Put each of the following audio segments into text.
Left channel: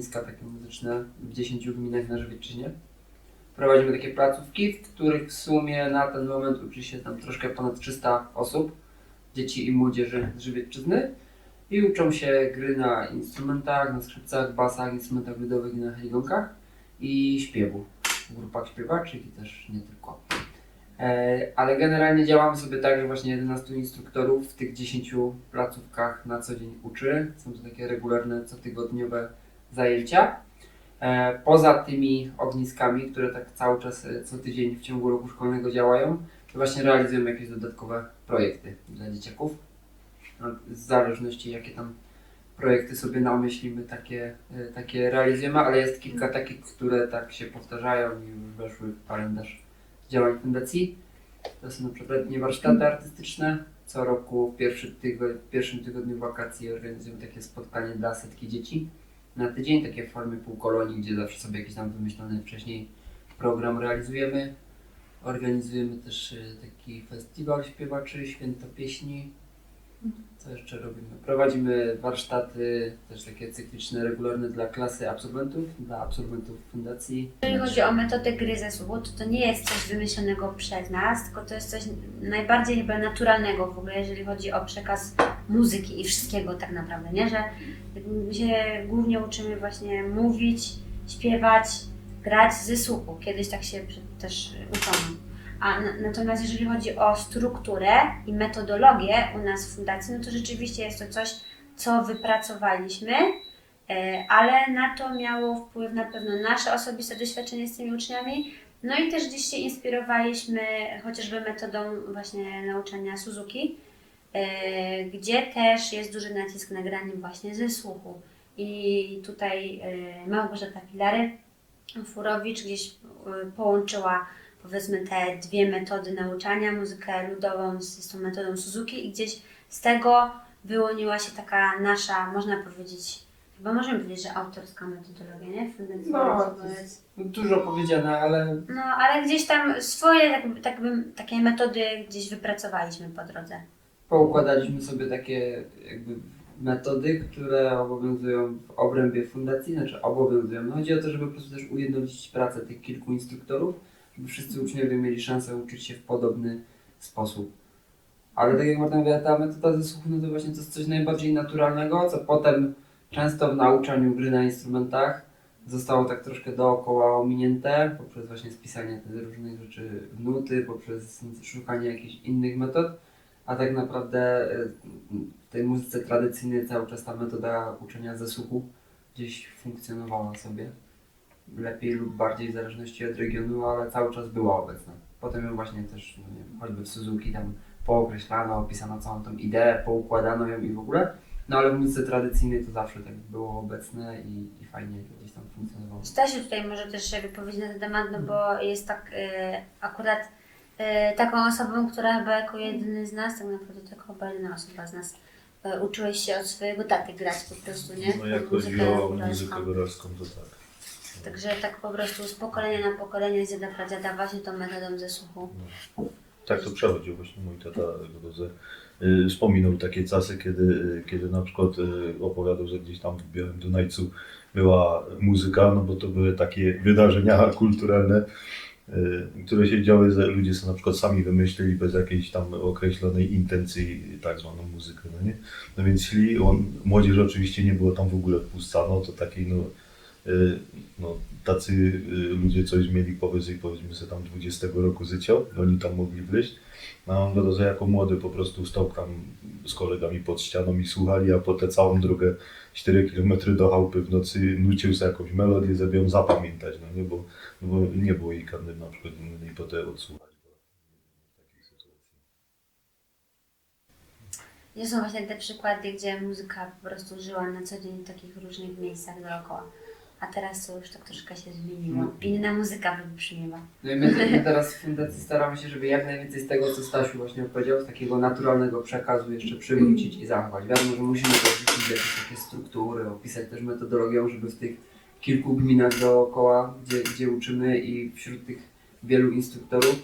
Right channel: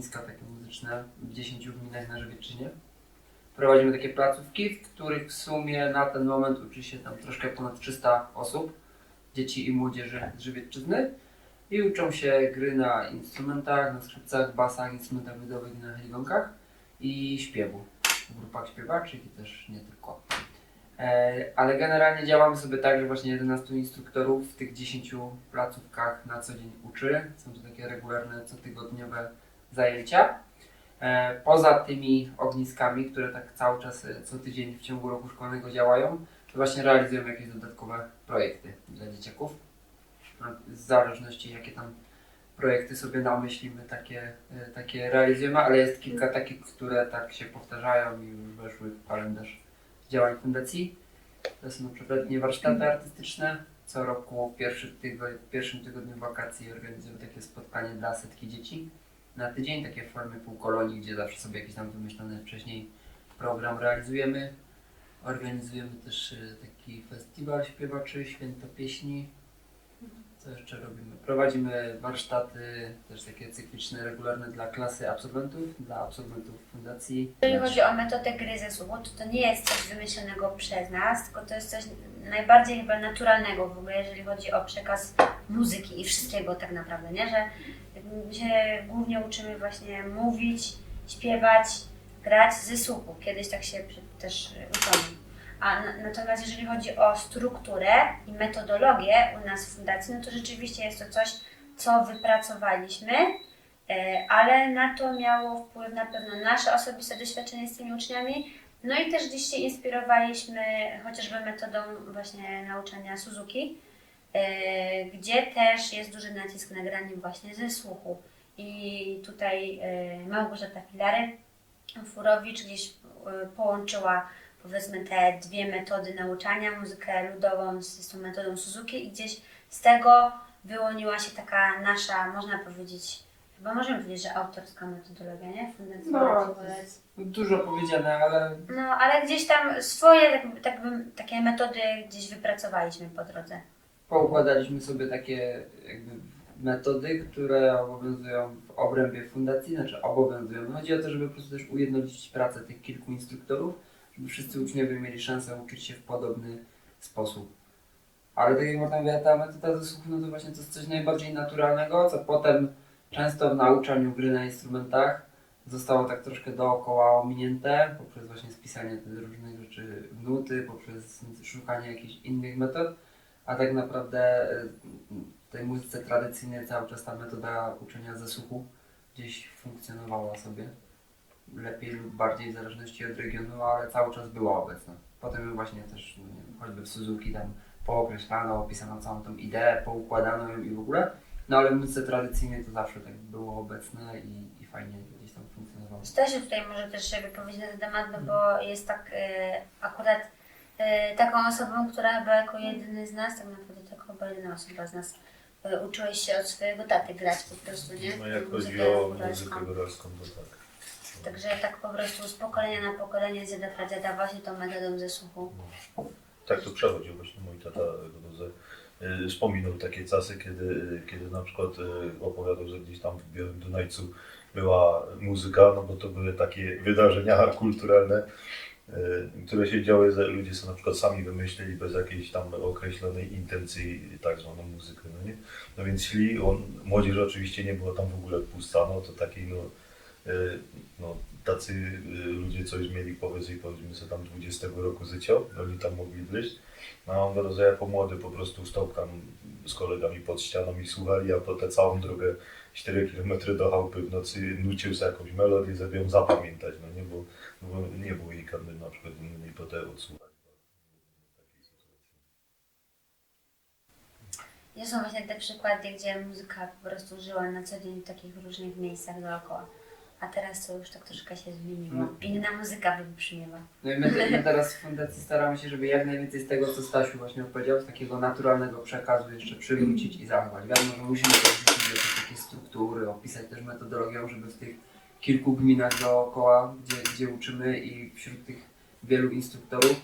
ogniska takie muzyczne w 10 gminach na Żywiecczyźnie. Prowadzimy takie placówki, w których w sumie na ten moment uczy się tam troszkę ponad 300 osób, dzieci i młodzieży z Żywiecczyzny i uczą się gry na instrumentach, na skrzypcach, basach, instrumentach ludowych i na heligonkach i śpiewu w grupach śpiewaczych i też nie tylko. E, ale generalnie działamy sobie tak, że właśnie 11 instruktorów w tych 10 placówkach na co dzień uczy. Są to takie regularne, cotygodniowe zajęcia. E, poza tymi ogniskami, które tak cały czas e, co tydzień w ciągu roku szkolnego działają, to właśnie realizujemy jakieś dodatkowe projekty dla dzieciaków. No, W zależności jakie tam projekty sobie namyślimy, takie, e, takie realizujemy, ale jest kilka takich, które tak się powtarzają i już weszły w kalendarz działań fundacji. To są na przykład letnie warsztaty artystyczne. Co roku w pierwszy tygo, w pierwszym tygodniu wakacji organizujemy takie spotkanie dla setki dzieci na tydzień, takie w formie półkolonii, gdzie zawsze sobie jakiś tam wymyślony wcześniej program realizujemy. Organizujemy też e, taki festiwal śpiewaczy, święto pieśni. Co jeszcze robimy? Prowadzimy warsztaty, też takie cykliczne, regularne dla klasy absolwentów, dla absolwentów fundacji. Jeżeli chodzi o metodę gry ze słuchu, to to nie jest coś wymyślonego przez nas, tylko to jest coś najbardziej chyba naturalnego w ogóle, jeżeli chodzi o przekaz muzyki i wszystkiego tak naprawdę, nie? Że my się głównie uczymy właśnie mówić, śpiewać, grać ze słuchu. Kiedyś tak się też uczono. A na, natomiast jeżeli chodzi o strukturę i metodologię u nas w fundacji, no to rzeczywiście jest to coś, co wypracowaliśmy, E, ale na to miało wpływ na pewno nasze osobiste doświadczenie z tymi uczniami. No i też gdzieś się inspirowaliśmy chociażby metodą właśnie nauczania Suzuki, e, gdzie też jest duży nacisk na granie właśnie ze słuchu. I tutaj e, Małgorzata Filary Furowicz gdzieś połączyła powiedzmy te dwie metody nauczania, muzykę ludową z, z tą metodą Suzuki i gdzieś z tego wyłoniła się taka nasza, można powiedzieć, Chyba możemy powiedzieć, że autorska metodologia, nie? Fundacji No, dużo powiedziane, ale No, ale gdzieś tam swoje tak, tak bym, takie metody gdzieś wypracowaliśmy po drodze. poukładaliśmy sobie takie jakby metody, które obowiązują w obrębie fundacji, znaczy obowiązują. No chodzi o to, żeby po prostu też ujednolicić pracę tych kilku instruktorów, wszyscy uczniowie mieli szansę uczyć się w podobny sposób. Ale tak jak Marta mówiła, ta metoda ze słuchu, no to właśnie to jest coś najbardziej naturalnego, co potem często w nauczaniu gry na instrumentach zostało tak troszkę dookoła ominięte poprzez właśnie spisanie tych różnych rzeczy w nuty, poprzez szukanie jakichś innych metod. A tak naprawdę e, w tej muzyce tradycyjnej cały czas ta metoda uczenia ze słuchu gdzieś funkcjonowała sobie. Lepiej lub bardziej w zależności od regionu, ale cały czas była obecna. Potem ją właśnie też, no nie wiem, choćby w Suzuki tam pookreślano, opisano całą tą ideę, poukładano ją i w ogóle. No ale w muzyce tradycyjnej to zawsze tak było obecne i, i fajnie gdzieś tam funkcjonowało. Stasiu tutaj może też się wypowiedzieć na ten temat, no bo jest tak y, akurat y, taką osobą, która chyba jako jedyny z nas, tak naprawdę to chyba jedyna osoba z nas y, uczyłeś się od swojego taty grać po prostu, nie? No jak Muzykę chodzi o muzykę góralską, to tak. Także tak po prostu z pokolenia na pokolenie z dziada pradziada właśnie tą metodą ze słuchu. Tak to przechodził właśnie mój tata Godozę. Y, Wspominał takie czasy, kiedy, y, kiedy na przykład y, opowiadał, że gdzieś tam w Białym Dunajcu była muzyka, no bo to były takie wydarzenia kulturalne, y, które się działy, że ludzie sobie na przykład sami wymyślili bez jakiejś tam określonej intencji tak zwaną muzykę, no nie? No więc szli, on, młodzież oczywiście nie było tam w ogóle wpuszczano, to takiej no, no tacy y, ludzie coś mieli powyżej powiedzmy sobie tam 20 roku życia, oni tam mogli wleźć. No a on wiadomo, że jako młody po prostu stał tam z kolegami pod ścianą i słuchali, a potem całą drogę 4 km do chałupy w nocy nucił sobie jakąś melodię, żeby ją zapamiętać, no nie, bo, no bo nie było jej karny na przykład innej potem odsłuchać. Nie są właśnie te przykłady, gdzie muzyka po prostu żyła na co dzień w takich różnych miejscach dookoła. A teraz to już tak troszkę się zmieniło. Mm. Inna muzyka wybrzmiewa. No i my, my teraz w fundacji staramy się, żeby jak najwięcej z tego, co Stasiu właśnie opowiedział, z takiego naturalnego przekazu jeszcze przywrócić i zachować. Wiadomo, że musimy też wrzucić jakieś takie struktury, opisać też metodologią, żeby w tych kilku gminach dookoła, gdzie, gdzie uczymy i wśród tych wielu instruktorów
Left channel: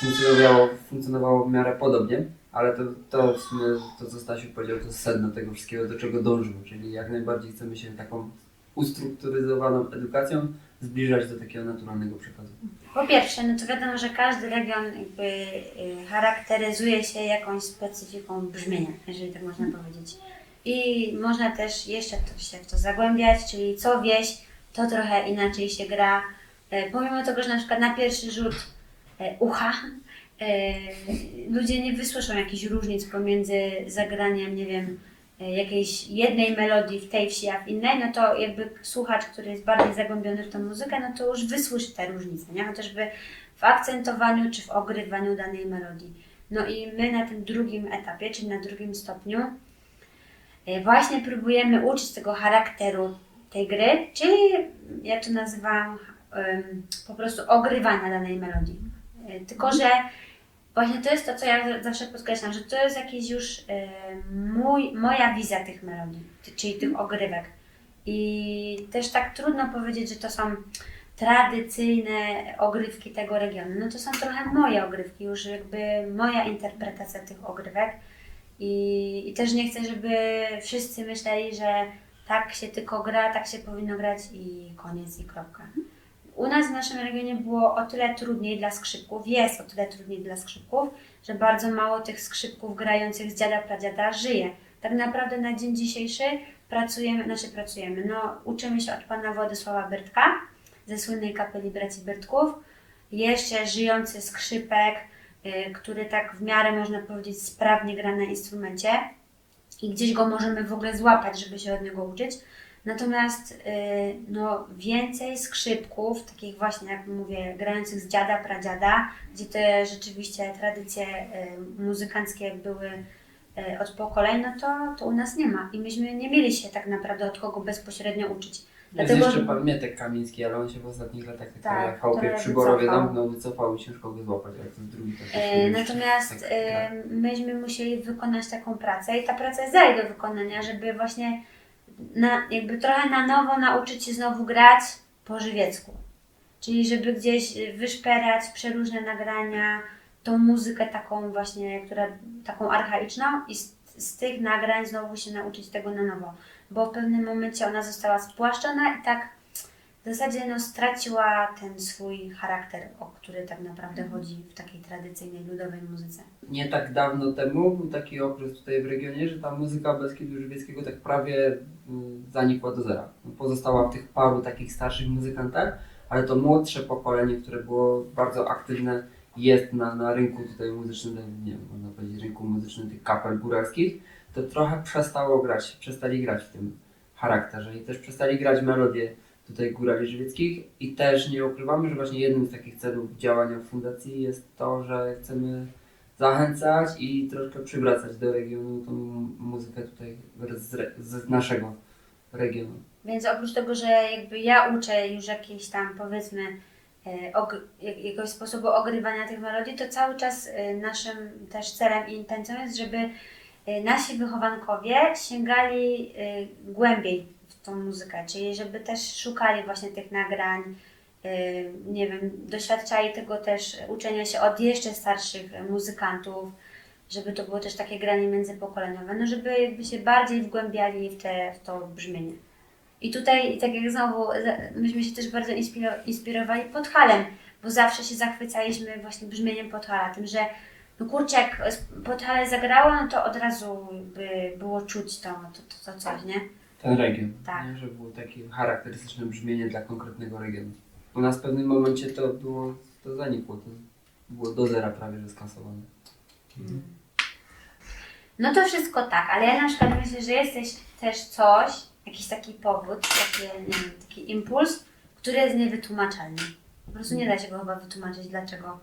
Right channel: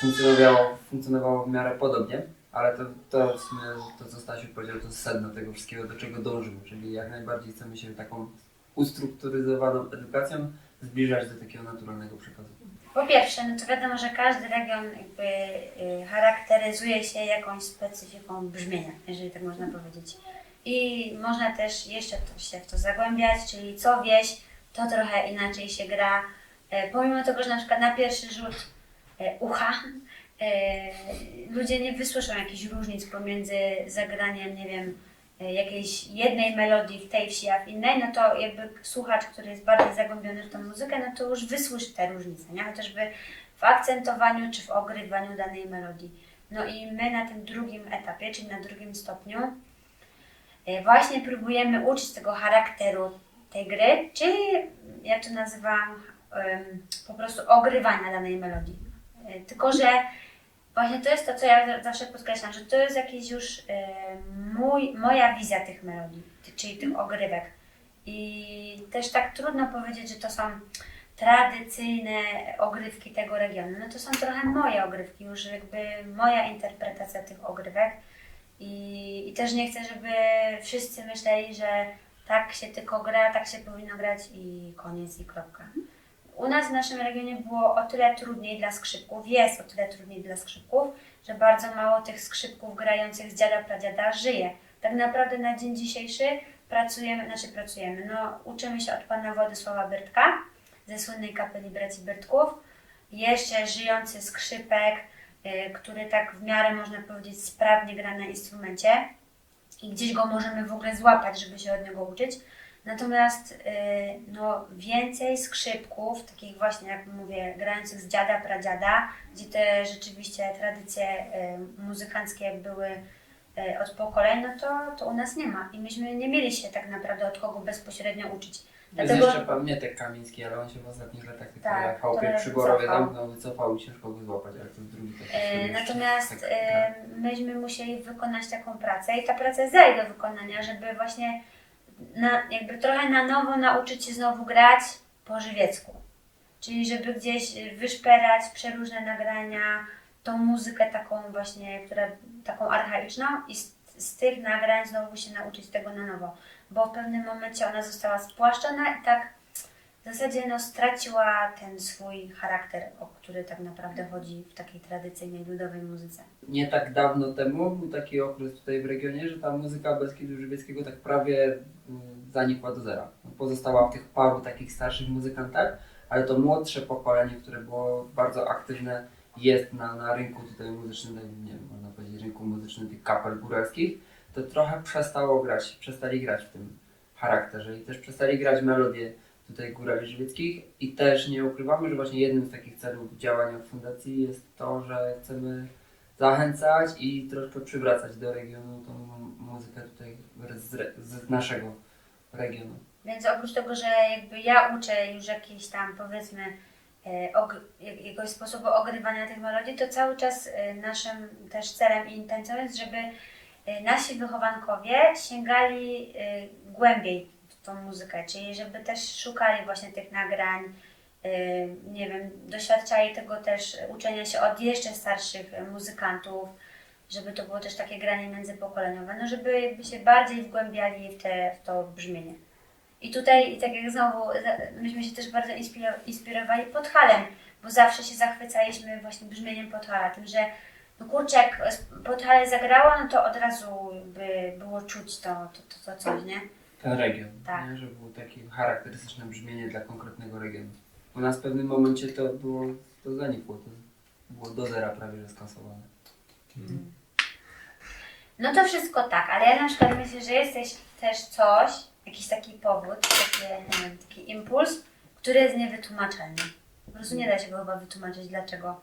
funkcjonowało, funkcjonowało w miarę podobnie. Ale to, to w sumie, to co Stasiu powiedział, to sedno tego wszystkiego, do czego dążymy, czyli jak najbardziej chcemy się taką ustrukturyzowaną edukacją zbliżać do takiego naturalnego przekazu. Po pierwsze, no to wiadomo, że każdy region jakby y, charakteryzuje się jakąś specyfiką brzmienia, jeżeli tak można powiedzieć. I można też jeszcze to się w to zagłębiać, czyli co wieś, to trochę inaczej się gra. E, Pomimo tego, że na przykład na pierwszy rzut e, ucha e, ludzie nie wysłyszą jakichś różnic pomiędzy zagraniem, nie wiem, jakiejś jednej melodii w tej wsi, a w innej, no to jakby słuchacz, który jest bardziej zagłębiony w tę muzykę, no to już wysłyszy te różnice, nie? Chociażby w akcentowaniu czy w ogrywaniu danej melodii. No i my na tym drugim etapie, czyli na drugim stopniu, e, właśnie próbujemy uczyć tego charakteru tej gry, czyli ja to nazywam em, po prostu ogrywania danej melodii. E, Tylko, że właśnie to jest to, co ja za- zawsze podkreślam, że to jest jakiś już e, mój, moja wizja tych melodii, czyli tych ogrywek. I też tak trudno powiedzieć, że to są tradycyjne ogrywki tego regionu. No to są trochę moje ogrywki, już jakby moja interpretacja tych ogrywek. I, I też nie chcę, żeby wszyscy myśleli, że tak się tylko gra, tak się powinno grać i koniec i kropka. U nas w naszym regionie było o tyle trudniej dla skrzypków, jest o tyle trudniej dla skrzypków, że bardzo mało tych skrzypków grających z dziada pradziada żyje. Tak naprawdę na dzień dzisiejszy pracujemy, znaczy pracujemy, no uczymy się od pana Władysława Byrtka ze słynnej kapeli braci Byrtków. Jeszcze żyjący skrzypek, y, który tak w miarę można powiedzieć sprawnie gra na instrumencie i gdzieś go możemy w ogóle złapać, żeby się od niego uczyć. Natomiast y, no, więcej skrzypków, takich właśnie jak mówię, grających z dziada, pradziada, gdzie te rzeczywiście tradycje y, muzykanckie były y, od pokoleń, no to, to u nas nie ma. I myśmy nie mieli się tak naprawdę od kogo bezpośrednio uczyć. Jest Dlatego- jeszcze pan Mietek Kamiński, ale on się w ostatnich latach tak, Tak, chałupie trochę przy Borowie wycofał. zamknął, wycofał i ciężko go złapać, ale to jest drugi film jeszcze. Natomiast Tak, myśmy musieli wykonać taką pracę i ta praca jest do wykonania, żeby właśnie na, jakby trochę na nowo nauczyć się znowu grać po żywiecku. Czyli żeby gdzieś wyszperać przeróżne nagrania, tą muzykę taką właśnie, która taką archaiczną i z, z tych nagrań znowu się nauczyć tego na nowo. Bo w pewnym momencie ona została spłaszczona i tak w zasadzie no, straciła ten swój charakter, o który tak naprawdę chodzi w takiej tradycyjnej ludowej muzyce. Nie tak dawno temu był taki okres tutaj w regionie, że ta muzyka Beskidu Żywieckiego tak prawie y, zanikła do zera. No, Pozostała w tych paru takich starszych muzykantach, ale to młodsze pokolenie, które było bardzo aktywne, jest na, na rynku tutaj muzycznym, tak, nie wiem, można powiedzieć rynku muzycznym tych kapel góralskich, to trochę przestało grać, przestali grać w tym charakterze i też przestali grać melodie tutaj górali i też nie ukrywamy, że właśnie jednym z takich celów działania fundacji jest to, że chcemy zachęcać i troszkę przywracać do regionu tą muzykę tutaj z, z naszego regionu. Więc oprócz tego, że jakby ja uczę już jakieś tam powiedzmy e, og- jak- jakiegoś sposobu ogrywania tych melodii, to cały czas e, naszym też celem i intencją jest, żeby e, nasi wychowankowie sięgali głębiej tą muzykę, czyli żeby też szukali właśnie tych nagrań, e, nie wiem, doświadczali tego też uczenia się od jeszcze starszych muzykantów, żeby to było też takie granie międzypokoleniowe, no żeby jakby się bardziej wgłębiali w, te, w to brzmienie. I tutaj, tak jak znowu, myśmy się też bardzo inspiro- inspirowali Podhalem, bo zawsze się zachwycaliśmy właśnie brzmieniem Podhala, tym, że no kurczę, jak Podhale zagrało, no to od razu jakby było czuć to, to, to, to coś, nie? Ten region, Tak. nie? że było takie charakterystyczne brzmienie dla konkretnego regionu. U nas w pewnym momencie to było, to zanikło, to było do zera prawie że skasowane. No to wszystko tak, ale ja na przykład myślę, że jest też- też coś, jakiś taki powód, taki, nie wiem, taki impuls, który jest niewytłumaczalny. Po prostu nie da się go chyba wytłumaczyć, dlaczego,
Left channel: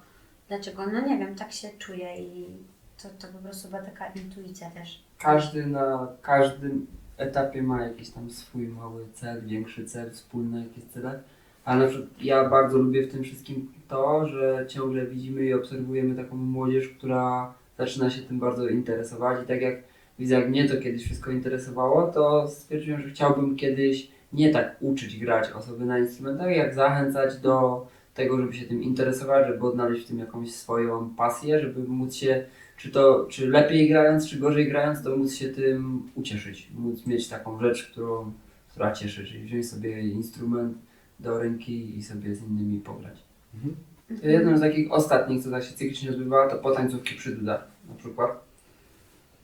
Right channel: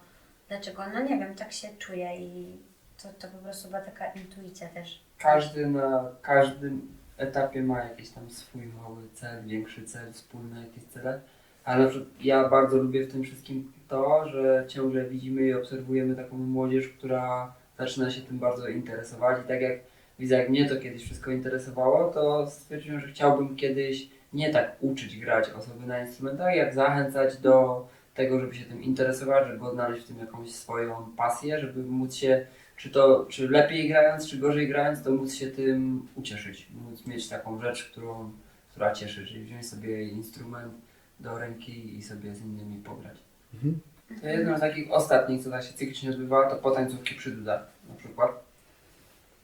dlaczego, no nie wiem, tak się czuję i to, to po prostu była taka intuicja też. Każdy na każdym etapie ma jakiś tam swój mały cel, większy cel, wspólne jakieś cele. Ale ja bardzo lubię w tym wszystkim to, że ciągle widzimy i obserwujemy taką młodzież, która zaczyna się tym bardzo interesować. I tak jak widzę, jak mnie to kiedyś wszystko interesowało, to stwierdziłem, że chciałbym kiedyś nie tak uczyć grać osoby na instrumentach, jak zachęcać do tego, żeby się tym interesować, żeby odnaleźć w tym jakąś swoją pasję, żeby móc się, czy to, czy lepiej grając, czy gorzej grając, to móc się tym ucieszyć, móc mieć taką rzecz, którą, która cieszy, czyli wziąć sobie instrument do ręki i sobie z innymi pograć. Mhm. Jedną z takich ostatnich, co tak się cyklicznie odbywała, to potańcówki przy dudach na przykład.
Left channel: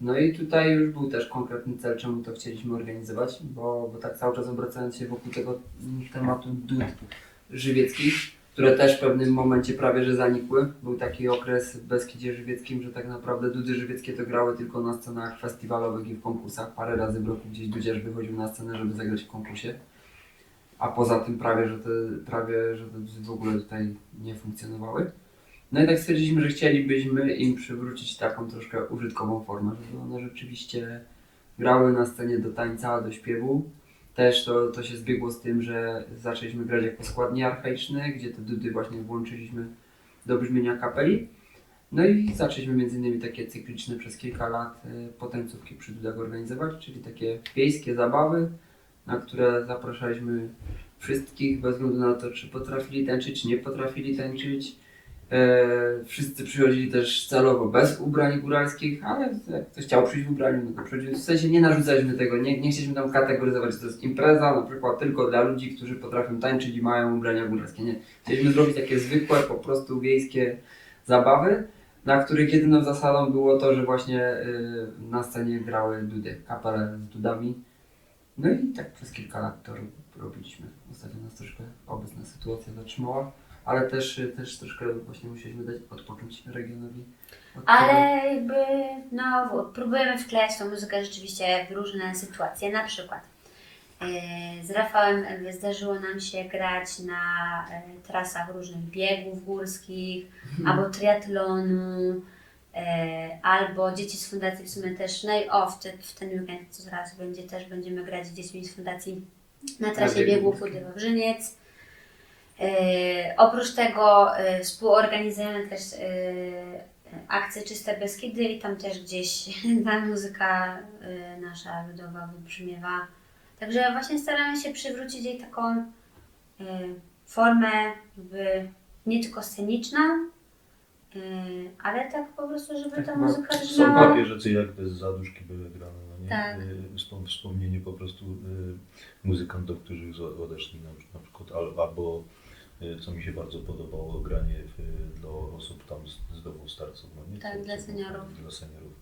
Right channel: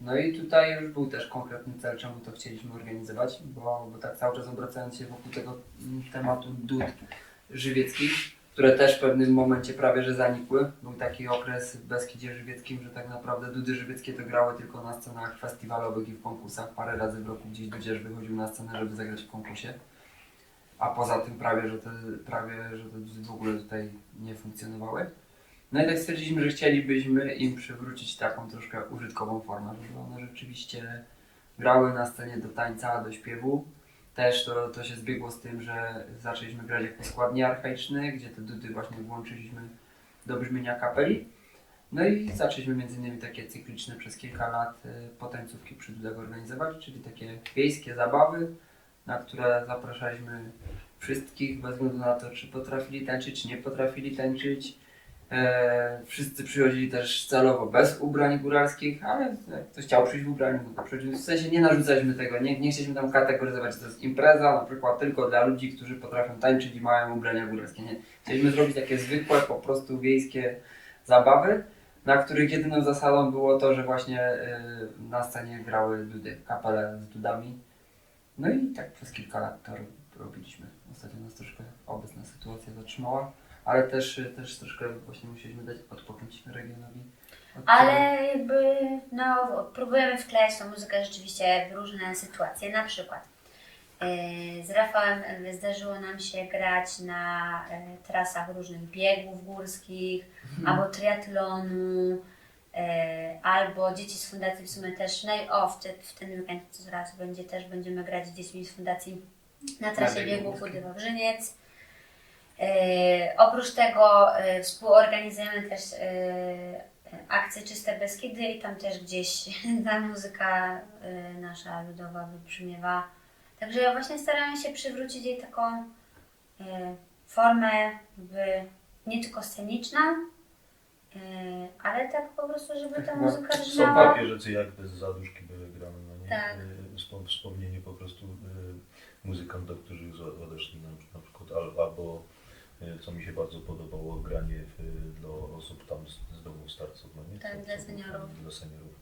No i tutaj już był też konkretny cel, czemu to chcieliśmy organizować, bo, bo tak cały czas obracając się wokół tego tematu dud żywieckich, które też w pewnym momencie prawie że zanikły. Był taki okres w Beskidzie Żywieckim, że tak naprawdę dudy żywieckie to grały tylko na scenach festiwalowych i w konkursach. Parę razy w roku gdzieś dudziarz wychodził na scenę, żeby zagrać w konkursie. A poza tym prawie, że te, prawie, że te dudy w ogóle tutaj nie funkcjonowały. No i tak stwierdziliśmy, że chcielibyśmy im przywrócić taką troszkę użytkową formę, żeby one rzeczywiście grały na scenie do tańca, do śpiewu. Też to, to się zbiegło z tym, że zaczęliśmy grać jako składnie archaiczne, gdzie te dudy właśnie włączyliśmy do brzmienia kapeli. No i zaczęliśmy między innymi takie cykliczne przez kilka lat e, potańcówki przy dudach organizować, czyli takie wiejskie zabawy, na które zapraszaliśmy wszystkich bez względu na to, czy potrafili tańczyć, czy nie potrafili tańczyć. E, wszyscy przychodzili też celowo bez ubrań góralskich, ale jak ktoś chciał przyjść w ubraniu, no to przychodził. W sensie nie narzucaliśmy tego, nie, nie chcieliśmy tam kategoryzować, że to jest impreza, na przykład tylko dla ludzi, którzy potrafią tańczyć i mają ubrania góralskie. Nie. Chcieliśmy zrobić takie zwykłe, po prostu wiejskie zabawy, na których jedyną zasadą było to, że właśnie y, na scenie grały dudy, kapele z dudami. No i tak przez kilka lat to ro- robiliśmy. Ostatnio nas troszkę obecna sytuacja zatrzymała, ale też, też troszkę właśnie musieliśmy dać odpocząć regionowi. od Ale jakby, no, próbujemy wklejać tą muzykę rzeczywiście w różne sytuacje. Na przykład yy, z Rafałem zdarzyło nam się grać na yy, trasach różnych biegów górskich, albo triatlonu, yy, albo dzieci z fundacji w sumie też, no i o, w, te, w ten weekend, co zaraz będzie, też będziemy grać z dziećmi z fundacji na trasie górskim. Chudy Wawrzyniec. Yy, oprócz tego yy, współorganizujemy też yy, akcję Czyste Beskidy i tam też gdzieś ta muzyka nasza ludowa wybrzmiewa. Także właśnie staramy się przywrócić jej taką formę jakby nie tylko sceniczną, ale tak po prostu, żeby Tak ta ma- muzyka Są brzmiała. takie rzeczy, jak te zaduszki były grane, no nie? Tak. Wspom- wspomnienie po prostu muzykantów, którzy odeszli na, przykład, al, albo co mi się bardzo podobało, granie w, dla osób tam z, z domu starców, no nie? Tak, Co- dla seniorów. Dla seniorów.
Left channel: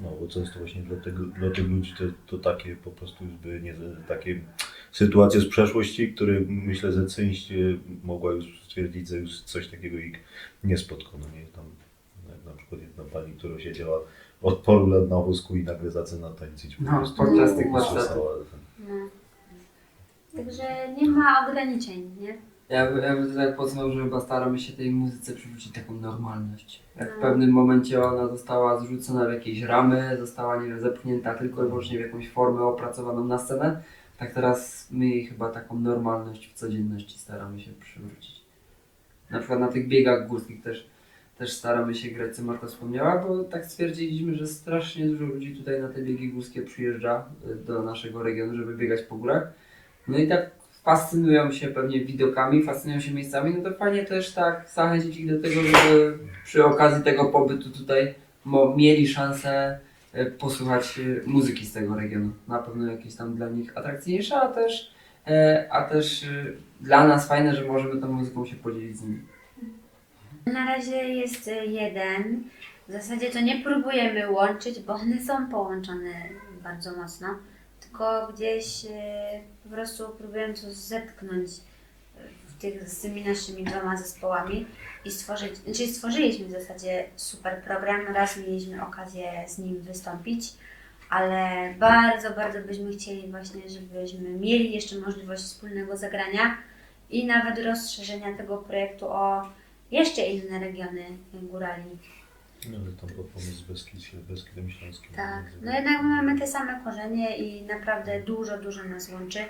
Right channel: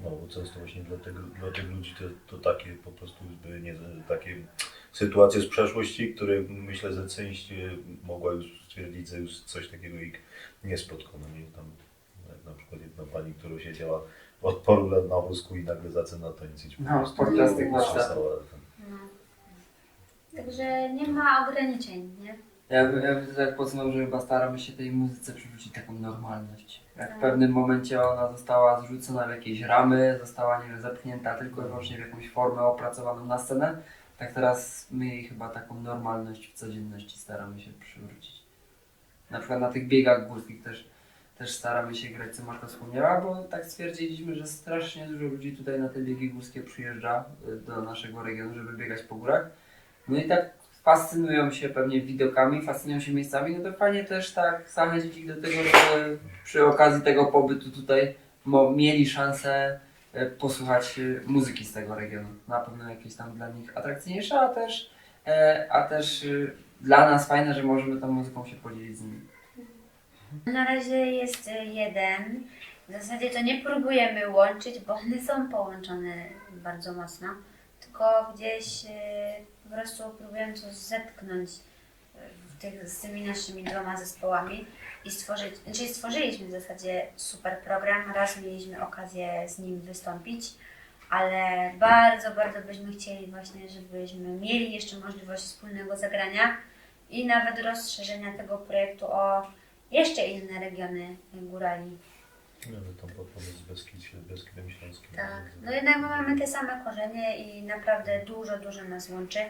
No, bo często właśnie dla, tego, dla tych ludzi to, to takie po prostu już były nie, takie sytuacje z przeszłości, które myślę, że część y, mogła już stwierdzić, że już coś takiego ich nie spotkało. No nie? Tam, jak na przykład jedna pani, która siedziała od paru lat na wózku i nagle zaczyna tańczyć. Po No, podczas tych warsztatów. No. Także nie ma ograniczeń, nie? Ja, ja tak podsumował, że chyba staramy się tej muzyce przywrócić taką normalność. Jak w No. pewnym momencie ona została zrzucona w jakieś ramy, została nie wiem, zepchnięta tylko i wyłącznie w jakąś formę opracowaną na scenę, tak teraz my jej chyba taką normalność w codzienności staramy się przywrócić. Na przykład na tych biegach górskich też, też staramy się grać, co Marta wspomniała, bo tak stwierdziliśmy, że strasznie dużo ludzi tutaj na te biegi górskie przyjeżdża y, do naszego regionu, żeby biegać po górach. No i tak fascynują się pewnie widokami, fascynują się miejscami, no to fajnie też tak zachęcić ich do tego, żeby przy okazji tego pobytu tutaj mieli szansę e, posłuchać e, muzyki z tego regionu. Na pewno jakieś tam dla nich atrakcyjniejsze, a też, e, a też dla nas fajne, że możemy tą muzyką się podzielić z nimi. Na razie jest jeden. W zasadzie to nie próbujemy łączyć, bo one są połączone bardzo mocno. Tylko gdzieś y, po prostu próbujemy to zetknąć y, w tych, z tymi naszymi dwoma zespołami i stworzyć, znaczy stworzyliśmy w zasadzie super program. Raz mieliśmy okazję z nim wystąpić, ale bardzo, bardzo byśmy chcieli właśnie, żebyśmy mieli jeszcze możliwość wspólnego zagrania i nawet rozszerzenia tego projektu o jeszcze inne regiony górali. No, ale tam po pomysł Beskid, Beskidem Śląskim. Tak. No jednak my mamy te same korzenie i naprawdę dużo, dużo nas łączy.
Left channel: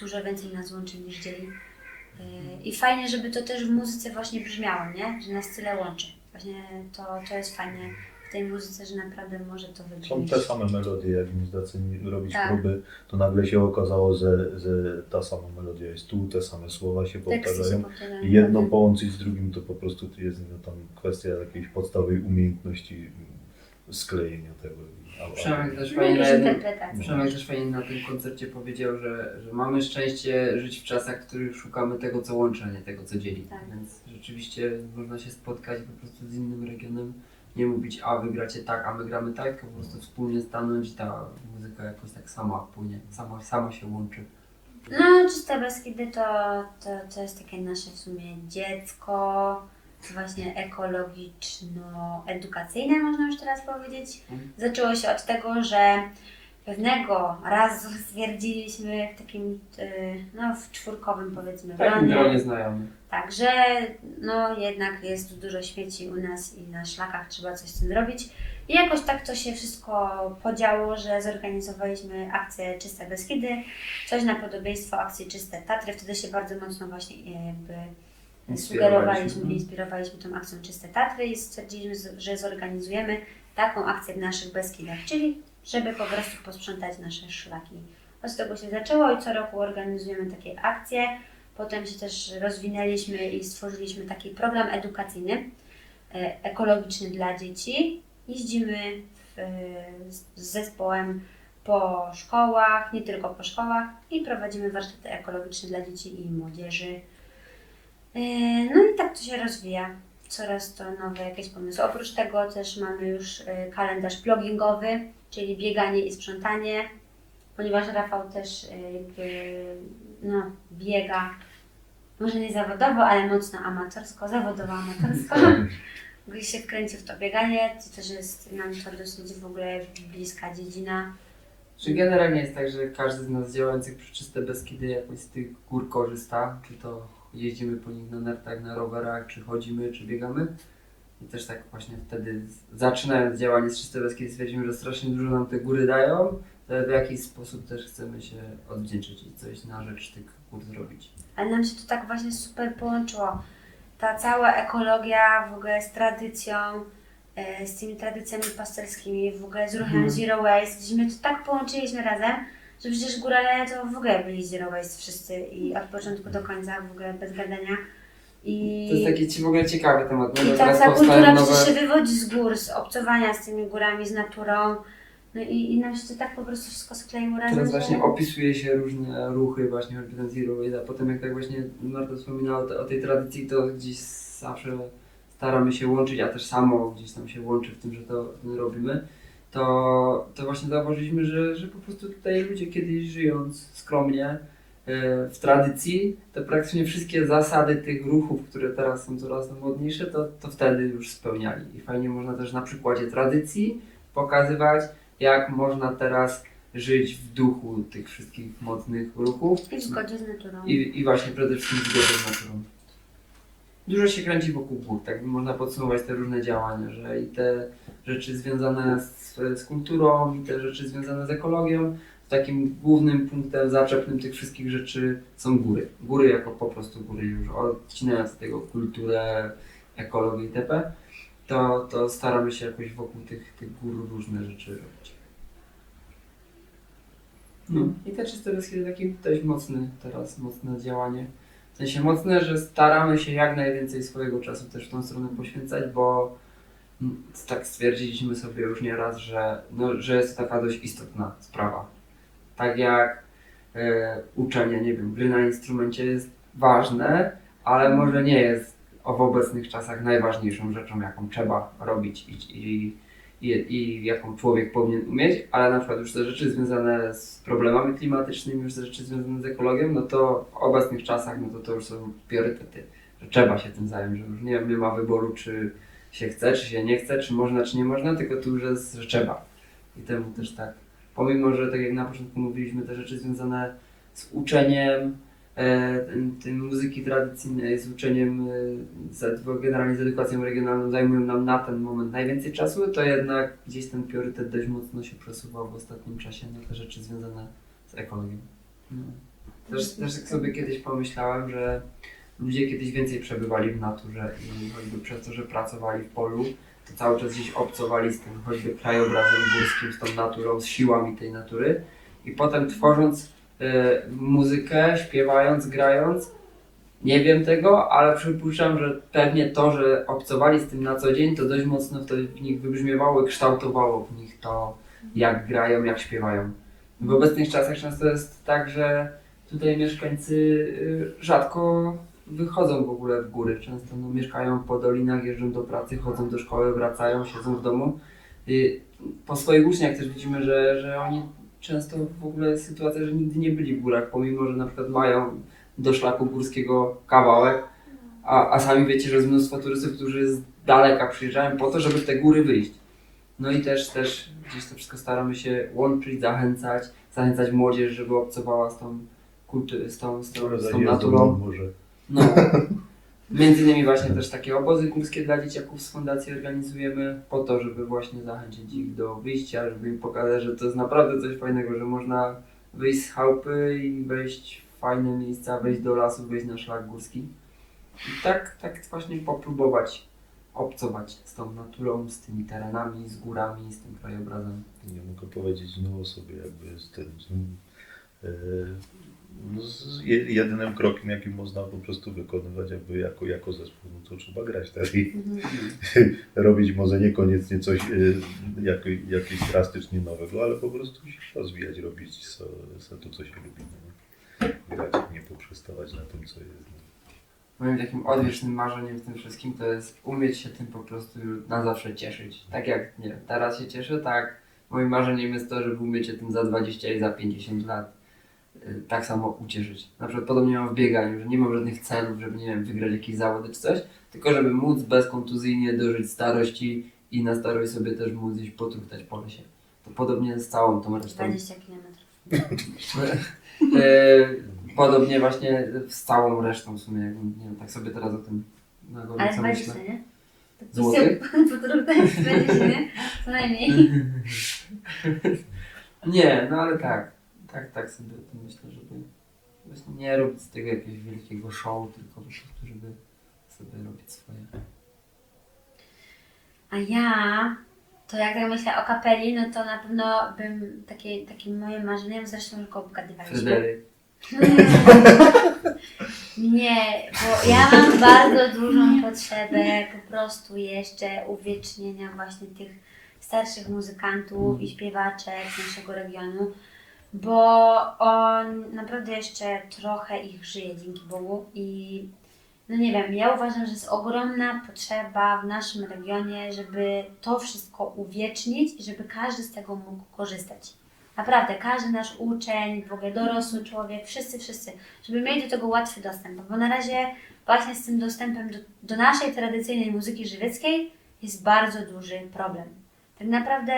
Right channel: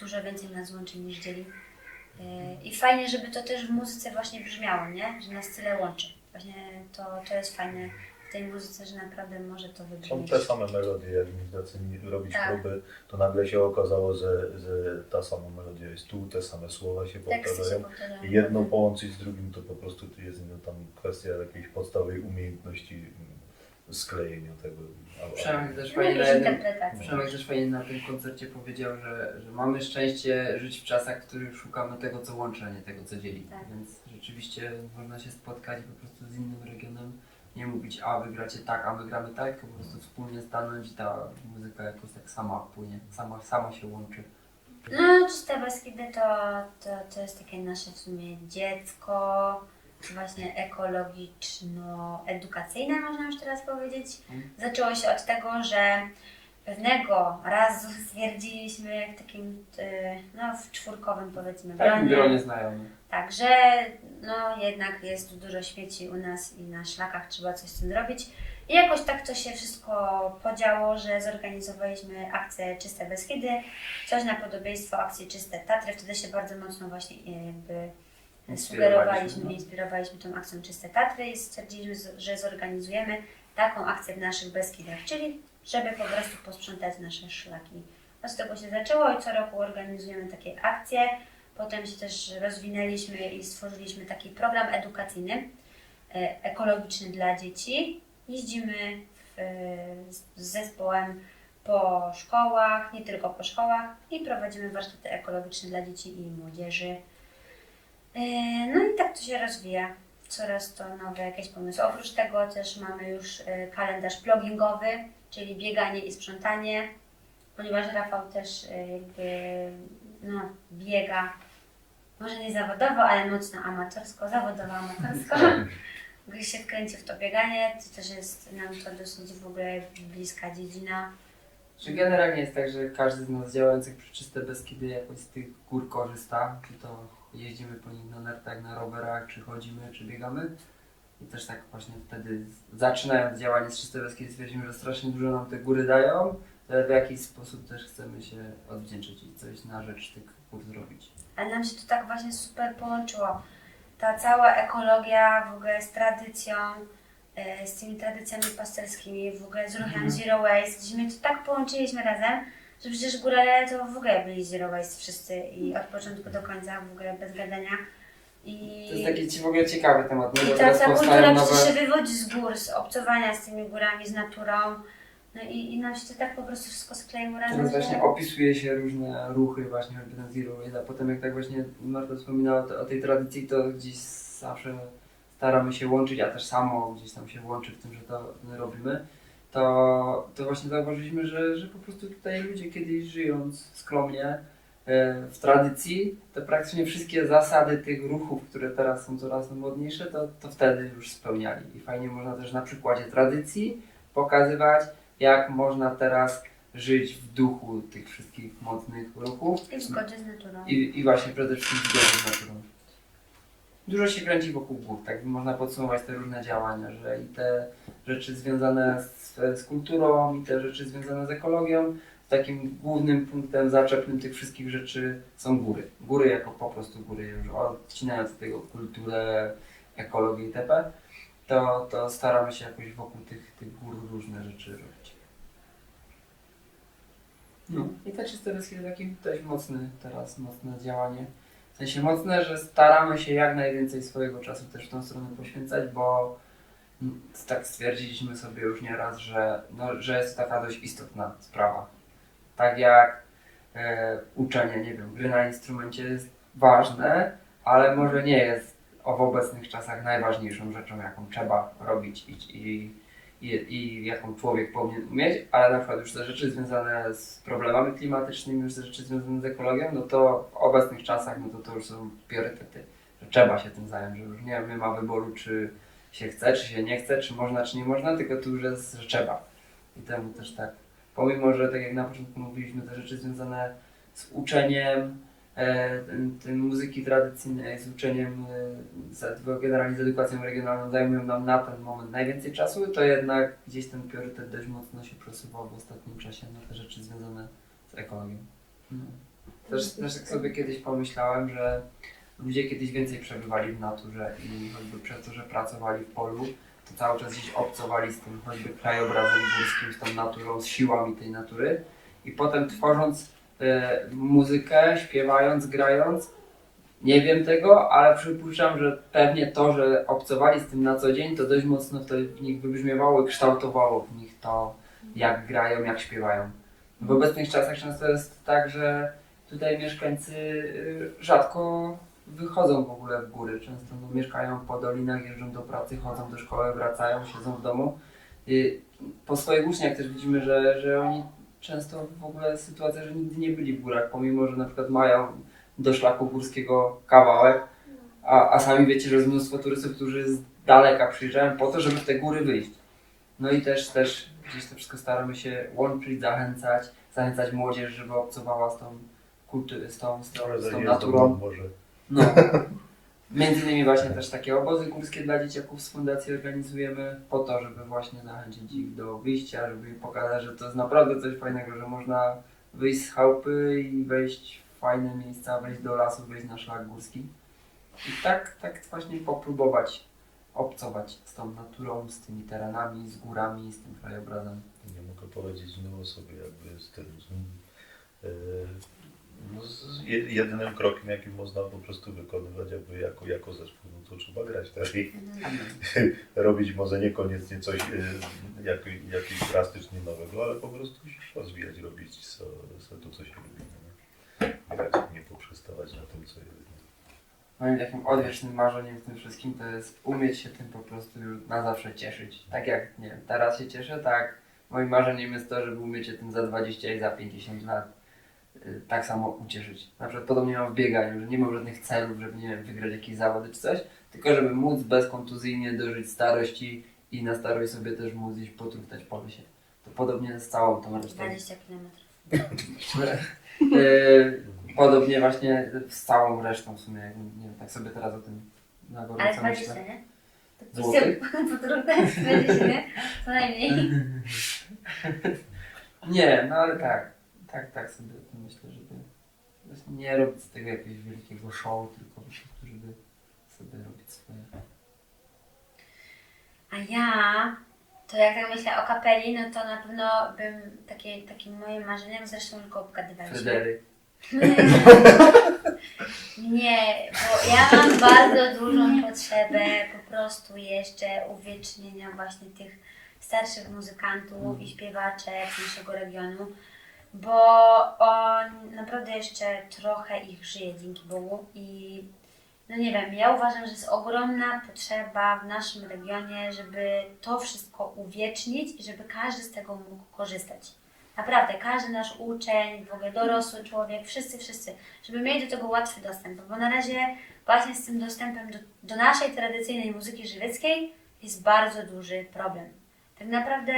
Dużo więcej nas łączy niż dzieli. Yy, I fajnie, żeby to też w muzyce właśnie brzmiało, nie? Że nas tyle łączy. Właśnie to, to jest fajne tej muzyce, że naprawdę może to Są wybrzmieć. te same melodie, jak mi zaczęli robić Tak. próby, to nagle się okazało, że, że ta sama melodia jest tu, te same słowa się powtarzają. I jedno Mhm. połączyć z drugim to po prostu jest no, tam kwestia jakiejś podstawowej umiejętności sklejenia tego. Przemek też No fajnie. Przemek też fajnie na tym koncercie powiedział, że, że mamy szczęście żyć w czasach, w których szukamy tego, co łączy, a nie tego, co dzieli. Tak. Więc rzeczywiście można się spotkać po prostu z innym regionem. Nie mówić, a wy gracie tak, a my gramy tak, tylko po prostu wspólnie stanąć i ta muzyka jakoś tak sama płynie, sama, sama się łączy. No, Czyste Beskidy to, to, to jest takie nasze w sumie dziecko, właśnie ekologiczno-edukacyjne, można już teraz powiedzieć. Mhm. Zaczęło się od tego, że pewnego razu stwierdziliśmy w takim, y, no w czwórkowym powiedzmy Tak, gronie, znajomych. tak, że no jednak jest tu dużo śmieci u nas i na szlakach trzeba coś z tym zrobić. I jakoś tak to się wszystko podziało, że zorganizowaliśmy akcję Czyste Beskidy, coś na podobieństwo akcji Czyste Tatry. Wtedy się bardzo mocno właśnie e, jakby sugerowaliśmy, Mhm. inspirowaliśmy tą akcją Czyste Tatry i stwierdziliśmy, z- że zorganizujemy taką akcję w naszych Beskidach, czyli żeby po prostu posprzątać nasze szlaki. Od tego się zaczęło i co roku organizujemy takie akcje. Potem się też rozwinęliśmy i stworzyliśmy taki program edukacyjny e, ekologiczny dla dzieci. Jeździmy w, z z zespołem po szkołach, nie tylko po szkołach i prowadzimy warsztaty ekologiczne dla dzieci i młodzieży. E, No i tak to się rozwija. Coraz to nowe jakieś pomysły. Oprócz tego też mamy już e, kalendarz pluggingowy, czyli bieganie i sprzątanie, ponieważ Rafał też e, jakby no, biega, może nie zawodowo, ale mocno amatorsko, zawodowo amatorsko. Gdzieś się wkręcił w to bieganie, to też jest nam to dosyć w ogóle bliska dziedzina. Czy generalnie jest tak, że każdy z nas działających przy Czyste Beskidy jakoś z tych gór korzysta? Czy to jeździmy po nich na nartach, na rowerach, czy chodzimy, czy biegamy? I też tak właśnie wtedy zaczynając działanie z Czyste Beskidy stwierdzimy, że strasznie dużo nam te góry dają, ale w jakiś sposób też chcemy się odwdzięczyć i coś na rzecz tych gór zrobić. Ale nam się to tak właśnie super połączyło. Ta cała ekologia w ogóle z tradycją, e, z tymi tradycjami pasterskimi, w ogóle z ruchem Mhm. Zero Waste, gdzie my to tak połączyliśmy razem, że przecież górale to w ogóle byli Zero Waste wszyscy i od początku do końca w ogóle bez gadania. I... To jest taki ci w ogóle ciekawy temat, no I ta powstają kultura nowe... przecież się wywodzi z gór, z obcowania z tymi górami, z naturą. No i, i nam się to tak po prostu wszystko skleiło razem. Teraz właśnie opisuje się różne ruchy, właśnie ten Zero Waste, a potem jak tak właśnie Marta wspominała o tej tradycji, to gdzieś zawsze staramy się łączyć, a też samo gdzieś tam się łączy w tym, że to robimy, to, to właśnie zauważyliśmy, że, że po prostu tutaj ludzie kiedyś żyjąc skromnie e, w tradycji, to praktycznie wszystkie zasady tych ruchów, które teraz są coraz modniejsze, to, to wtedy już spełniali. I fajnie można też na przykładzie tradycji pokazywać, jak można teraz żyć w duchu tych wszystkich mocnych ruchów I w zgodzie z naturą. i, i właśnie przede wszystkim w zgodzie z naturą. Dużo się kręci wokół gór, tak by można podsumować te różne działania, że i te rzeczy związane z, z kulturą, i te rzeczy związane z ekologią, takim głównym punktem zaczepnym tych wszystkich rzeczy są góry. Góry jako po prostu góry, już odcinając od tego kulturę, ekologię itp., to, to staramy się jakoś wokół tych, tych gór różne rzeczy robić. No i te czyste Beskidy taki dość mocny teraz, mocne działanie. W sensie mocne, że staramy się jak najwięcej swojego czasu też w tą stronę poświęcać, bo tak stwierdziliśmy sobie już nieraz, że, no, że jest to taka dość istotna sprawa. Tak jak e, uczenie, nie wiem, gry na instrumencie jest ważne, ale może nie jest w obecnych czasach najważniejszą rzeczą, jaką trzeba robić i, i, i, i jaką człowiek powinien umieć, ale na przykład już te rzeczy związane z problemami klimatycznymi, już te rzeczy związane z ekologią, no to w obecnych czasach, no to to już są priorytety, że trzeba się tym zająć, że już nie, nie ma wyboru, czy się chce, czy się nie chce, czy można, czy nie można, tylko tu już jest, że trzeba. I temu też tak, pomimo, że tak jak na początku mówiliśmy, te rzeczy związane z uczeniem, e, tym, muzyki tradycyjnej, z uczeniem, e, generalnie z edukacją regionalną zajmują nam na ten moment najwięcej czasu, to jednak gdzieś ten priorytet dość mocno się przesuwał w ostatnim czasie na te rzeczy związane z ekologią. No. Też, też tak sobie kiedyś pomyślałem, że ludzie kiedyś więcej przebywali w naturze i choćby przez to, że pracowali w polu, to cały czas gdzieś obcowali z tym choćby krajobrazem górskim, z tą naturą, z siłami tej natury i potem tworząc e, muzykę, śpiewając, grając, nie wiem tego, ale przypuszczam, że pewnie to, że obcowali z tym na co dzień, to dość mocno wtedy w nich wybrzmiewało i kształtowało w nich to, jak grają, jak śpiewają. W obecnych czasach często jest tak, że tutaj mieszkańcy y, rzadko wychodzą w ogóle w góry. Często no, mieszkają po dolinach, jeżdżą do pracy, chodzą do szkoły, wracają, siedzą w domu. Y, Po swoich uczniach też widzimy, że, że oni często w ogóle sytuacja, że nigdy nie byli w górach, pomimo, że na przykład mają do szlaku górskiego kawałek, a, a sami wiecie, że jest mnóstwo turystów, którzy z daleka przyjeżdżają po to, żeby w te góry wyjść. No i też, też gdzieś to wszystko staramy się łączyć, zachęcać, zachęcać młodzież, żeby obcowała z tą kulturą, z tą, z tą, z tą naturą. może. No. Między innymi właśnie też takie obozy górskie dla dzieciaków z fundacji organizujemy po to, żeby właśnie zachęcić ich do wyjścia, żeby im pokazać, że to jest naprawdę coś fajnego, że można wyjść z chałupy i wejść w fajne miejsca, wejść do lasu, wejść na szlak górski. I tak, tak właśnie popróbować obcować z tą naturą, z tymi terenami, z górami, z tym krajobrazem. Nie mogę powiedzieć no sobie jakby z tym. Z, e, jedynym krokiem, jaki można po prostu wykonywać jakby jako, jako zespół, no to trzeba grać tak i Mhm. robić może niekoniecznie coś e, jak, jakiegoś drastycznie nowego, ale po prostu się rozwijać, robić co, co to, co się lubi. No. Grać, nie poprzestawać na tym, co jest. No. Moim takim odwiecznym marzeniem w tym wszystkim to jest umieć się tym po prostu na zawsze cieszyć. Tak jak, nie wiem, teraz się cieszę, tak moim marzeniem jest to, żeby umieć się tym za 20 i za 50 lat y, tak samo ucieszyć. Na przykład podobnie mam w bieganiu, że nie mam żadnych celów, żeby, nie wiem, wygrać jakieś zawody czy coś, tylko żeby móc bezkontuzyjnie dożyć starości i na starość sobie też móc iść potruchtać po lesie. To podobnie z całą tą resztą. 20 km. E, Podobnie właśnie z całą resztą w sumie, nie wiem, tak sobie teraz o tym na Ale gorąco 20, myślę. nie? Złotych? Potrudne 20, nie? Co najmniej. Nie, no ale tak, tak, tak sobie o tym myślę, żeby właśnie nie robić z tego jakiegoś wielkiego show, tylko po prostu, żeby sobie robić swoje. A ja, to jak tak myślę o kapeli, no to na pewno bym, takie, takim moim marzeniem, zresztą tylko obgadywaliśmy. Fryderyk. Nie, bo ja mam bardzo dużą potrzebę po prostu jeszcze uwiecznienia właśnie tych starszych muzykantów i śpiewaczek z naszego regionu, bo on naprawdę jeszcze trochę ich żyje dzięki Bogu i no nie wiem, ja uważam, że jest ogromna potrzeba w naszym regionie, żeby to wszystko uwiecznić i żeby każdy z tego mógł korzystać. Naprawdę, każdy nasz uczeń, w ogóle dorosły człowiek, wszyscy, wszyscy, żeby mieli do tego łatwy dostęp, bo na razie właśnie z tym dostępem do, do naszej tradycyjnej muzyki żywieckiej jest bardzo duży problem. Tak naprawdę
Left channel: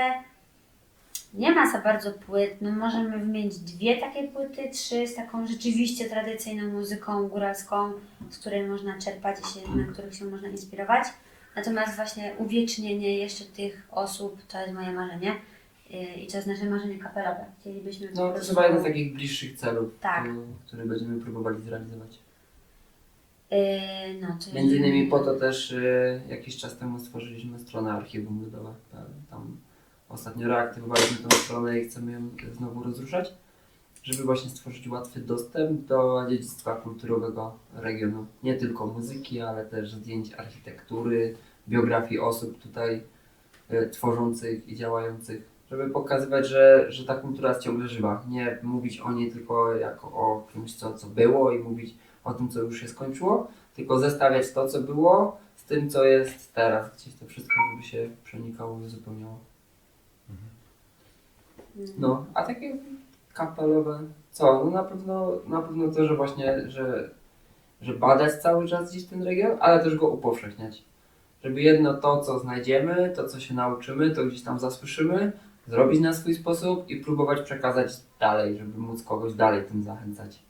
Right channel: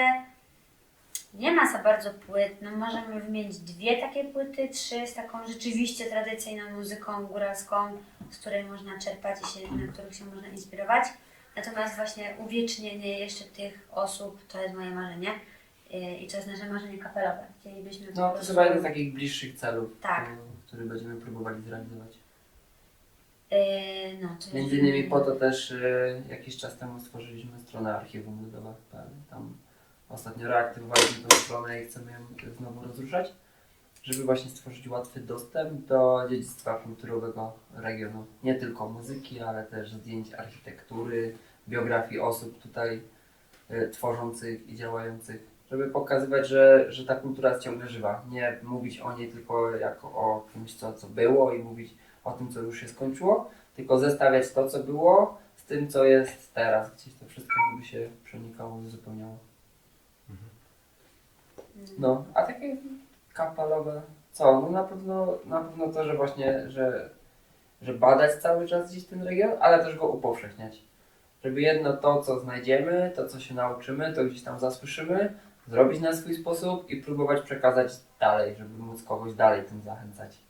nie ma za bardzo płyt, no możemy wymienić dwie takie płyty, trzy z taką rzeczywiście tradycyjną muzyką góralską, z której można czerpać i się, na których się można inspirować. Natomiast właśnie uwiecznienie jeszcze tych osób to jest moje marzenie yy, i to jest nasze marzenie kapelowe. Chcielibyśmy No to chyba jeden z takich bliższych celów, Tak. który będziemy próbowali zrealizować. Yy, no, Między innymi po to też y, jakiś czas temu stworzyliśmy stronę archiwum ludowe.pl. Tam ostatnio reaktywowaliśmy tą stronę i chcemy ją znowu rozruszać, żeby właśnie stworzyć łatwy dostęp do dziedzictwa kulturowego regionu. Nie tylko muzyki, ale też zdjęć architektury, biografii osób tutaj y, tworzących i działających, żeby pokazywać, że, że ta kultura jest ciągle żywa. Nie mówić o niej tylko jako o czymś, co, co było i mówić o tym, co już się skończyło, tylko zestawiać to, co było z tym, co jest teraz. Gdzieś to wszystko, żeby się przenikało i uzupełniało. Mm. No, a takie kapelowe, co? No na pewno, na pewno to, że właśnie, że, że badać cały czas gdzieś ten region, ale też go upowszechniać. Żeby jedno to, co znajdziemy, to, co się nauczymy, to gdzieś tam zasłyszymy, zrobić na swój sposób i próbować przekazać dalej, żeby móc kogoś dalej tym zachęcać.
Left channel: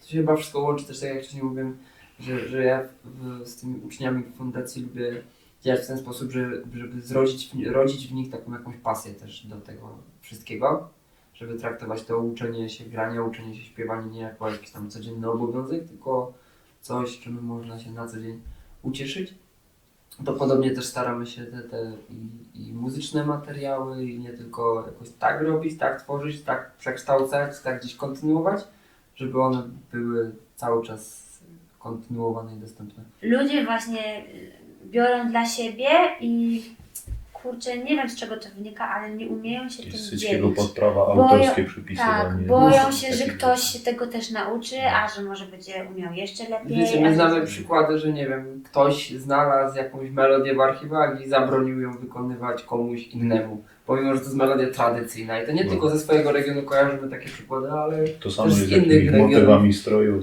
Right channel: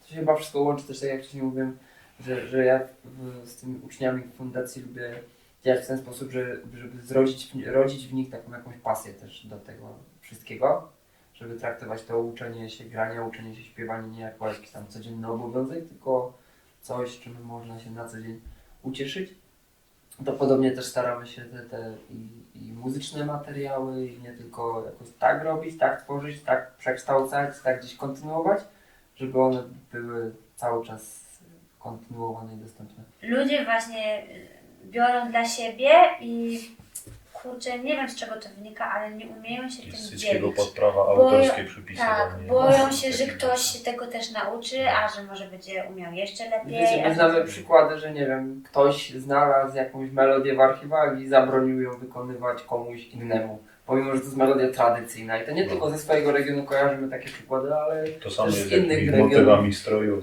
To się chyba wszystko łączy też, tak jak wcześniej mówiłem, że, że ja w, z tymi uczniami w fundacji lubię działać w ten sposób, że, żeby zrodzić, rodzić w nich taką jakąś pasję też do tego wszystkiego, żeby traktować to uczenie się grania, uczenie się śpiewania nie jako jakiś tam codzienny obowiązek, tylko coś, czym można się na co dzień ucieszyć. To podobnie też staramy się te, te i, i muzyczne materiały, i nie tylko jakoś tak robić, tak tworzyć, tak przekształcać, tak gdzieś kontynuować, żeby one były cały czas kontynuowane i dostępne. Ludzie właśnie biorą dla siebie i kurczę, nie wiem z czego to wynika, ale nie umieją się tym dzielić. podprawa Boją- autorskie Tak, przypisywanie. boją się, że ktoś się tego też nauczy, a że może będzie umiał jeszcze lepiej. Wiecie, my znamy przykłady, że nie wiem, ktoś znalazł jakąś melodię w archiwach i zabronił ją wykonywać komuś innemu. Pomimo, że to jest melodia tradycyjna i to nie No. tylko ze swojego regionu kojarzymy takie przykłady, ale To samo też z innych regionów. motywami stroju.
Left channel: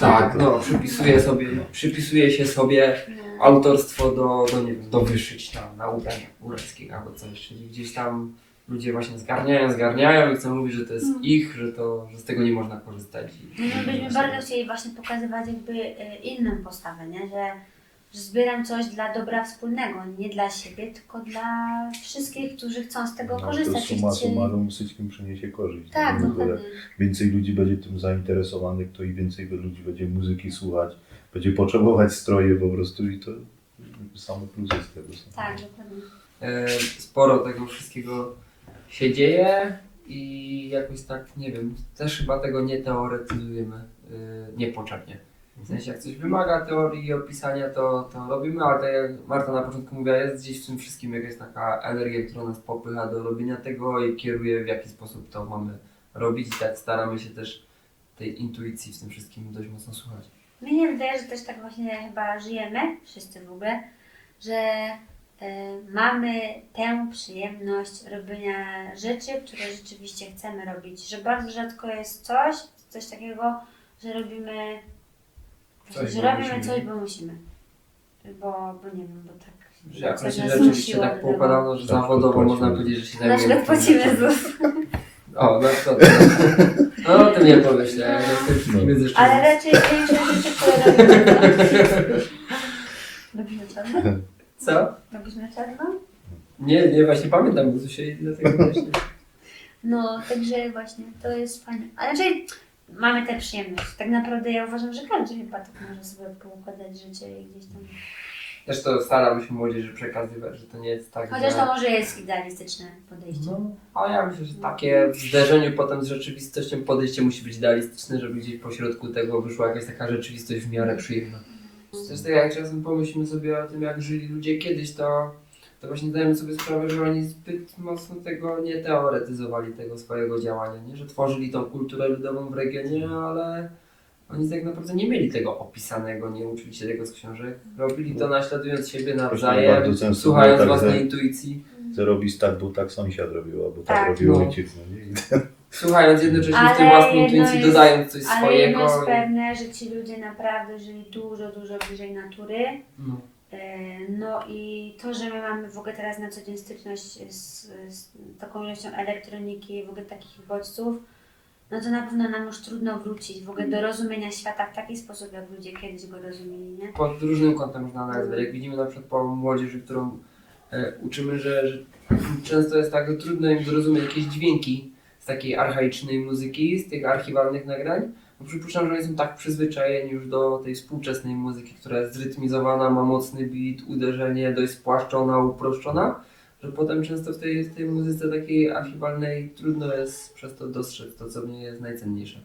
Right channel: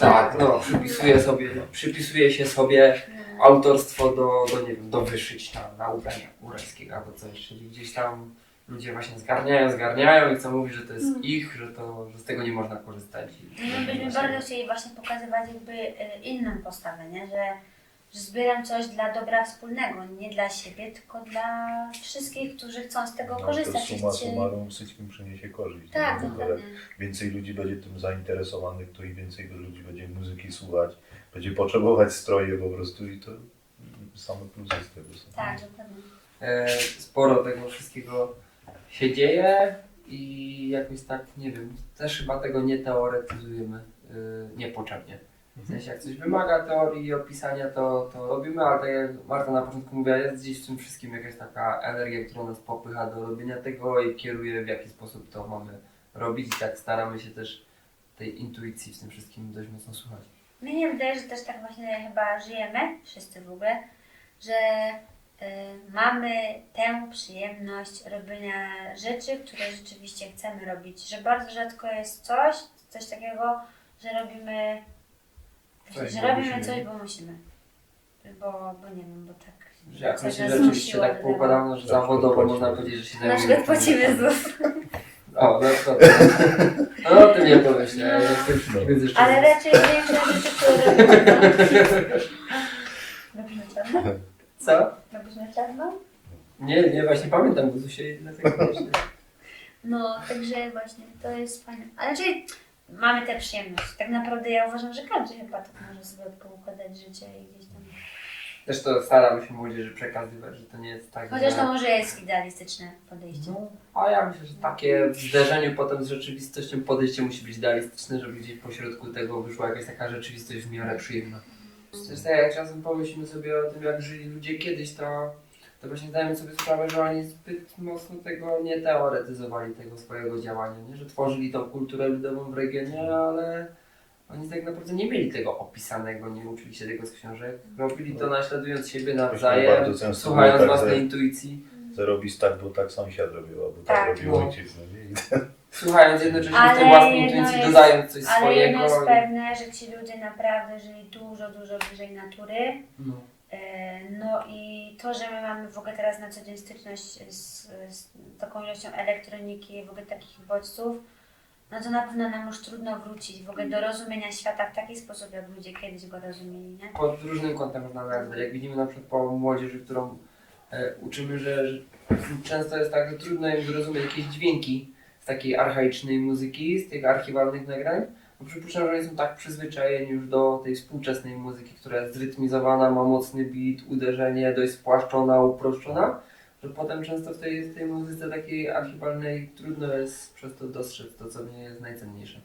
tak, no, przypisuje sobie, przypisuje się sobie No. Autorstwo do, do, nie wiem, do wyszyć tam na ubrania góralskiego albo coś, czyli gdzieś tam ludzie właśnie zgarniają, zgarniają i chcą mówić, że to jest Mhm. ich, że, to, że z tego nie można korzystać. I, No my byśmy bardzo chcieli właśnie pokazywać jakby y, inną postawę, nie? Że, że zbieram coś dla dobra wspólnego, nie dla siebie, tylko dla wszystkich, którzy chcą z tego No, to korzystać. i suma summarum wszystkim przyniesie korzyść. Tak, no, jak więcej ludzi będzie tym zainteresowanych, to i więcej ludzi będzie muzyki słuchać, będzie potrzebować stroje po prostu i to same plusy z tego są. Tak, dokładnie. E, sporo tego wszystkiego się dzieje i jakoś tak, nie wiem, też chyba tego nie teoretyzujemy e, niepotrzebnie. W sensie jak coś wymaga teorii i opisania, to, to robimy, ale tak jak Marta na początku mówiła, jest gdzieś w tym wszystkim jakaś taka energia, która nas popycha do robienia tego i kieruje w jaki sposób to mamy robić i tak staramy się też tej intuicji w tym wszystkim dość mocno słuchać. Mnie się wydaje, że też tak właśnie chyba żyjemy, wszyscy w ogóle, że y, mamy tę przyjemność robienia rzeczy, które rzeczywiście chcemy robić. Że bardzo rzadko jest coś, coś takiego, że robimy, Coś, że bo robimy musimy. coś, bo musimy. Bo, bo nie wiem, bo tak. Że jakoś coś się nas rzeczywiście tak poukładano, że Tak, zawodowo płacimy. można powiedzieć, że się Na zajmujemy przykład płacimy ZUS. O, no to. No o tym nie pomyślałem. Ja tym wszystkim jest jeszcze. Ale raczej większość rzeczy, które robimy. na czarno? Co? Na czarno? Nie, nie, właśnie pamiętam Guzusie i dlatego właśnie. No, także właśnie, to jest fajne. Ale raczej mamy tę przyjemność. Tak naprawdę ja uważam, że każdy chyba tak może sobie poukładać życie i gdzieś tam. Też to staramy się młodzieży przekazywać, że to nie jest tak, Chociaż że... to może jest idealistyczne podejście. No, a ja myślę, że takie w zderzeniu potem z rzeczywistością podejście musi być idealistyczne, żeby gdzieś pośrodku tego wyszła jakaś taka rzeczywistość w miarę przyjemna. Tak jak czasem pomyślimy sobie o tym, jak żyli ludzie kiedyś, to, to właśnie zdajemy sobie sprawę, że oni zbyt mocno tego nie teoretyzowali, tego swojego działania, nie? że tworzyli tą kulturę ludową w regionie, ale oni tak naprawdę nie mieli tego opisanego, nie uczyli się tego z książek, robili to naśladując siebie nawzajem, słuchając tak, własnej że- intuicji. Co robisz tak, bo tak sąsiad robił, albo tak, Tak, robił no. ojciec. No, Słuchając jednocześnie w Ale tej własnej intuicji, jest- dodając coś Ale swojego. jedno jest pewne, że ci ludzie naprawdę żyli dużo, dużo bliżej natury. No. E, No i to, że my mamy w ogóle teraz na co dzień styczność z, z taką ilością elektroniki, w ogóle takich bodźców, no to na pewno nam już trudno wrócić w ogóle do rozumienia świata w taki sposób, jak ludzie kiedyś go rozumieli, nie? Pod różnym kątem można nazwać. Jak widzimy na przykład po młodzieży, którą e, uczymy, że, że często jest tak, że trudno im zrozumieć jakieś dźwięki z takiej archaicznej muzyki, z tych archiwalnych nagrań. Bo przypuszczam, że są tak przyzwyczajeni już do tej współczesnej muzyki, która jest zrytmizowana, ma mocny beat, uderzenie, dość spłaszczona, uproszczona, że potem często w tej, w tej muzyce takiej archiwalnej trudno jest przez to dostrzec to, co w niej jest najcenniejsze.